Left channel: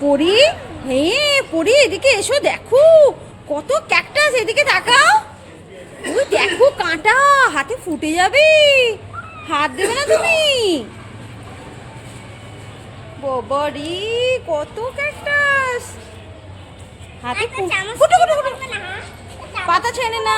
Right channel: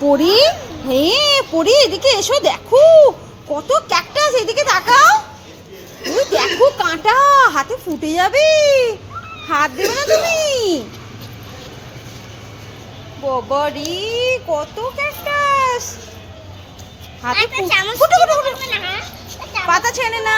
পরি হ্যাঁ পরি এদিকে এসো দেখো কত ক্যাকটাস এদিকে তাকাও। ওই দেখো কাঁটা হাতে ফুটে যাবে। হাত দেবে না তুমি? বাবারি কত ক্যাকটাস হাতে ফুটো ফুটো ফুটো পাতা ছেড়ে না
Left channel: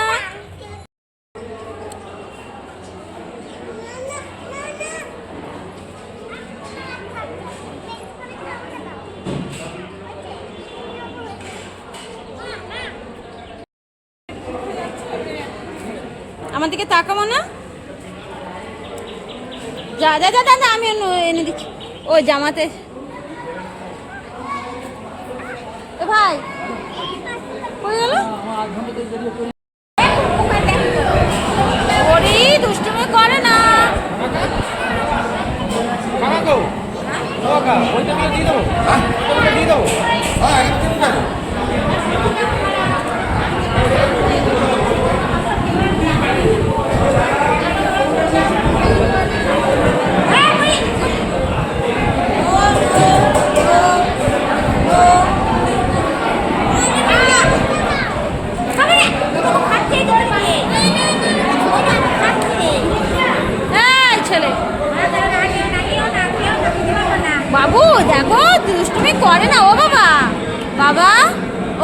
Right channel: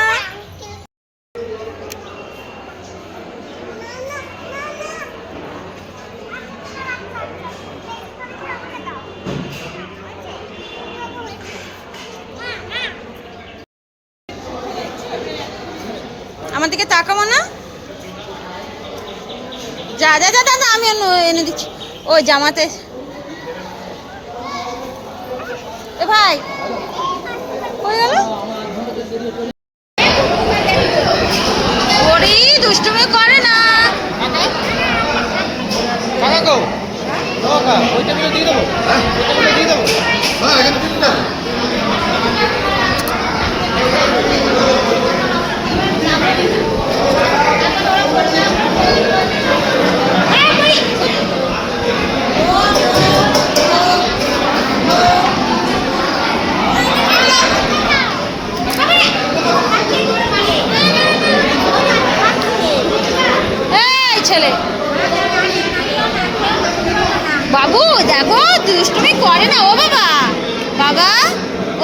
আমার দিকে তাকাবো না? যা যা যা দাদা আমি এনে দিচ্ছি। ওই জামাতে। এ ভাই কই গেল? ওরে, দুষ্টুমি করে না। এই ছেলে। বাবু, দেখো, দুষ্টুমি করে না, ও বাবা। বাবা,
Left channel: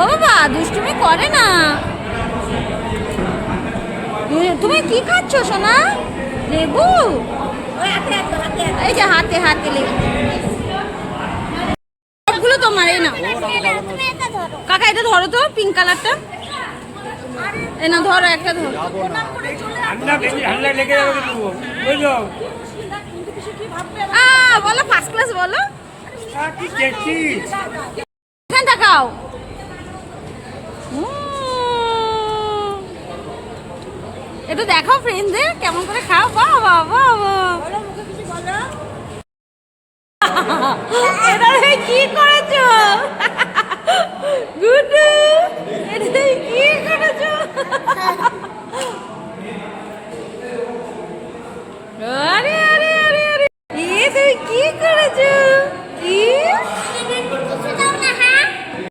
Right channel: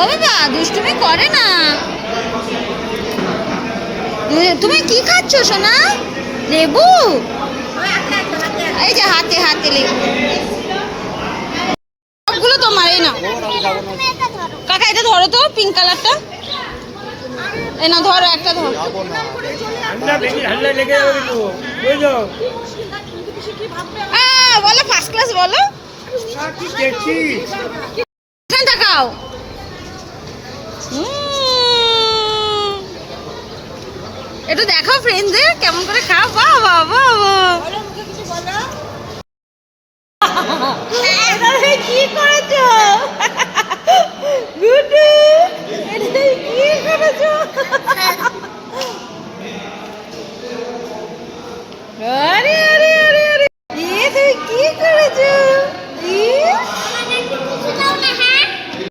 ও বাবা, দুষ্টুমি করে না। তুমি কি খাচ্ছ, সোনা? লেবু? এই যে হাতে হাতে লেবু। সবগুলো তোমার এই নাও। কাকা, এটা ধরো তো পিঙ্ক কালারটা এই না ধরো একটা ধরো বলো ফার্স্ট ক্লাস বলো এখানে তাকাও একটু দেখাও ফ্রেন্ডদের কেমন করে খাও বাহ বাহ বাহ। কি করেছ